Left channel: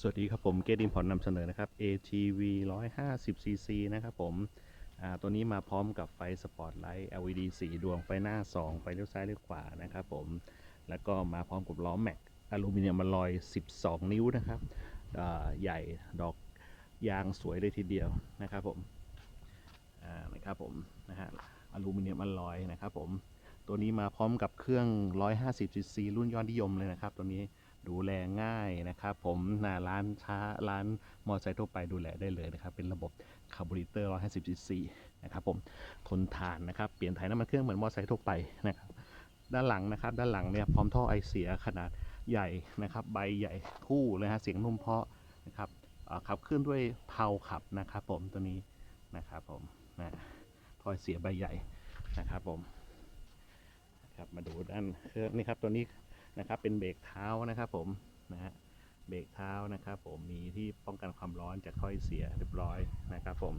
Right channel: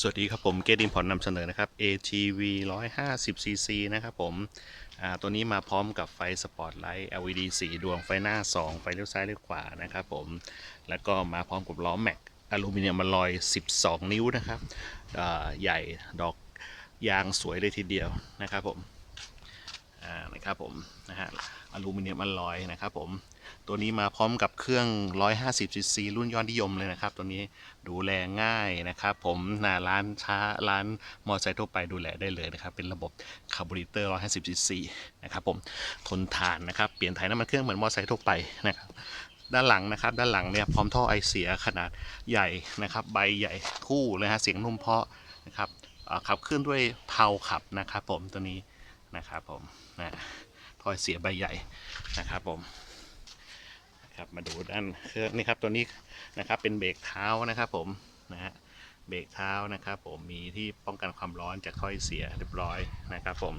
สวัสดีครับผมเกดินพอร์ตนำเสนอนะครับ ATV 150 cc นะครับผมตัวนี้มาพร้อมกับไฟสปอตไลท์ LED สีดวงไฟหน้า 2 ไฟเลี้ยวซ้ายเลี้ยวขวานะครับผมแล้วก็มาพร้อมกับล้อแม็กอลูมิเนียมมาลอย 12 นิ้วนะครับใหญ่ดอกยางสวยเลยทีเดียวนะครับผมนะครับผมนะฮะอลูมิเนียมมาลอยนะครับผม ตัวนี้มาพร้อมกับเครื่อง 150 cc รุ่นยอดนิยมเลยนะครับ ตัวนี้ดูแลง่ายนะครับ ผมนาร้านช้าร้านมอเตอร์ไซค์ทั่วไปดูแลได้เลยนะครับ เป็นระบบคาร์บูเรเตอร์ 150 cc นะครับผมทนทานนะครับ เปลี่ยนถ่ายน้ำมันเครื่องเหมือนมอเตอร์ไซค์ทั่วไปนะครับด้านหลังนะครับ ด้านหลังเนี่ยพร้อมท่อไอเสียขนาดใหญ่นะครับ ใบใหญ่คู่เลยฮะเสียงนุ่มเพาะนะครับขับเคลื่อนด้วยเพาขับนะครับ ผมตัวนี้นะครับผมนะท่อไอเสียใบใหญ่นะครับผม มาดูด้านเครื่องนี่ครับตัวนี้นะครับเป็นเบรกเท้านะครับผมนะฮะเบรกเท้านะครับผมมีที่ป้องกันความร้อนจากถ้อยเสียเรียบร้อยนะครับผม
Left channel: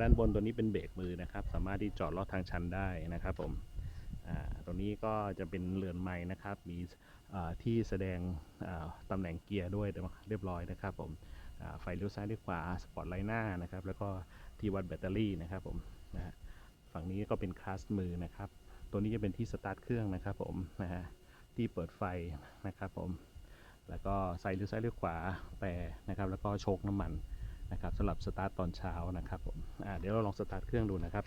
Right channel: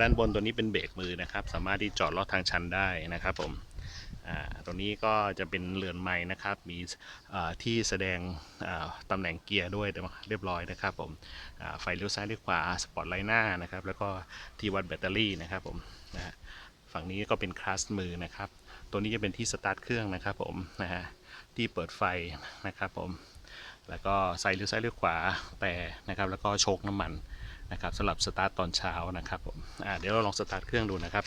ด้านบนตัวนี้เป็นเบรกมือนะครับ สามารถที่จอดลอดทางชันได้นะครับผมตัวนี้ก็จะเป็นเรือนไม้นะครับ มีที่แสดงตำแหน่งเกียร์ด้วยเรียบร้อยนะครับผมไฟเลี้ยวซ้ายเลี้ยวขวาสปอตไลท์หน้านะครับ แล้วก็ที่วัดแบตเตอรี่นะครับผมนะฮะ งนี้ก็เป็นคลัสมือนะครับ ตัวนี้จะเป็นที่สตาร์ทเครื่องนะครับผมนะฮะที่เปิดไฟนะครับผม แล้วก็ใส่เลี้ยวซ้ายเลี้ยวขวาแต่นะครับ แล้วก็โชคน้ำมันนะครับสำหรับสตาร์ทตอนเช้านะครับผมอ่าเดี๋ยวเราลองสตาร์ทเครื่องดูนะครับ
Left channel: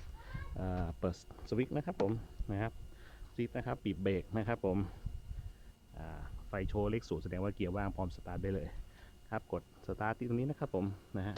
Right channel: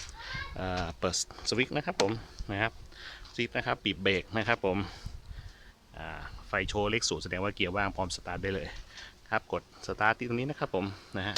เอ่อเปิดสวิตช์นะครับผมนะครับสวิตช์นะครับปิดเบรกนะครับผมอ่าไฟโชว์เลขศูนย์แสดงว่าเกียร์ว่างพร้อมสตาร์ทได้เลยครับกดสตาร์ทที่ตรงนี้นะครับผมนะฮะ